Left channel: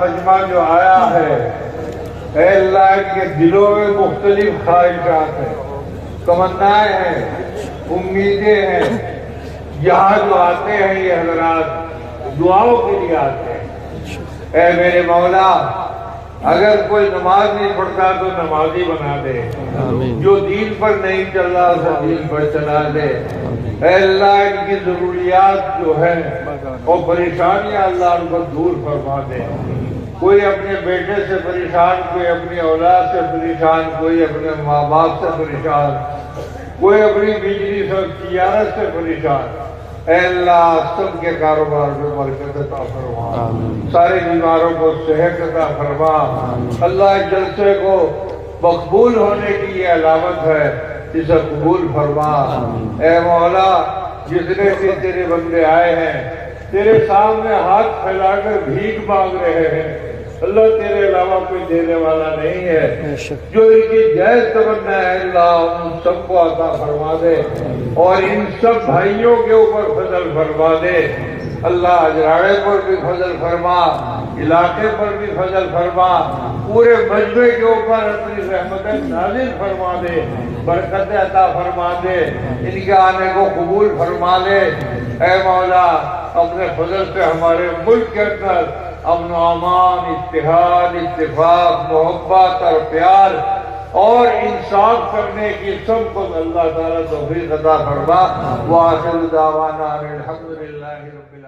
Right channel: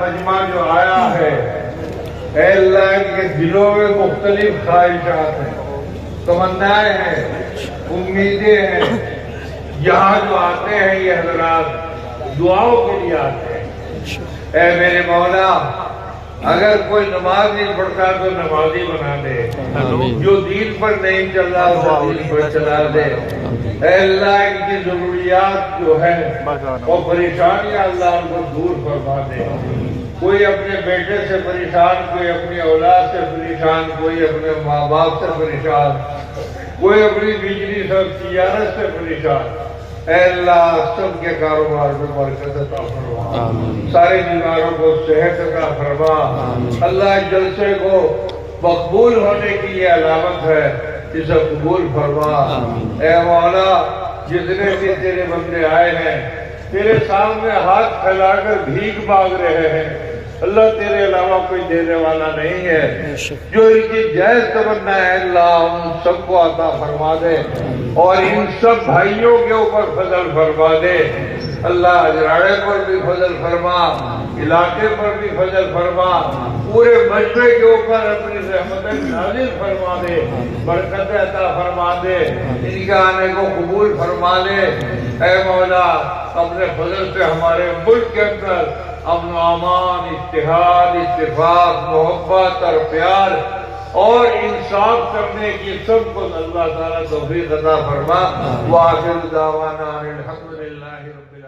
مجمع جو آیا ہے، اے اللہ کے دلوں میں مختلف خواہشات ہیں، تمنائیں ہیں، امیدیں ہیں۔ یہاں جو آتے ہیں یہ حضرات دعاؤں کے لیے آتے ہیں۔ اے میرے مولا، اگر کوئی نماز نہیں پڑھتا تو نمازی بنا دے، جو دین پر نہیں چل رہا وہ دین پر چلا دے۔ اے اللہ ان کی ضروریات جو ہیں اور پریشانیاں اللہ ان کو دور فرما دے۔ کوئی اپنے بیٹے سے پریشان، کوئی اپنی اولاد سے پریشان، کوئی اپنے ماں باپ سے پریشان، کوئی اپنی بجلی سے تجارت سے پریشان۔ اے اللہ سب کے کاروبار میں برکت عطا فرما، سارے بیماروں کو صحت عطا فرما۔ اللہ جلسے کو مقبول ہونے کی یہ علامت ہے، اسے قبول فرما۔ اے مولا، جتنے بھی تیرے بندے آئے ہیں تیرے سامنے ہاتھ پھیلا کر بھیک مانگ رہے ہیں، اللہ تیرے علاوہ کوئی دینے والا نہیں ہے۔ جو ان کی جائز تمنا ہے اللہ ان سب کو عطا فرما دے، اور ان سب بھائیوں کے اوپر فضل فرما دے۔ اللہ اجراڑے پر بھی فضل فرما، علاقے پر بھی فضل فرما، پورے مجمع کے اوپر اپنی رحمتیں نازل فرما دے، برکت عطا فرما دے، ان کے آنے کو قبول فرما لے۔ اے مولا، اپنے فضل سے ہمارے ملک کے اندر امن و امان، اتحاد، اتفاق، محبت اور پیار اور انصاف کرنے کی سب کو اللہ تعالیٰ توفیق عطا فرما۔ وآخر دعوانا الحمدللہ رب العالمین۔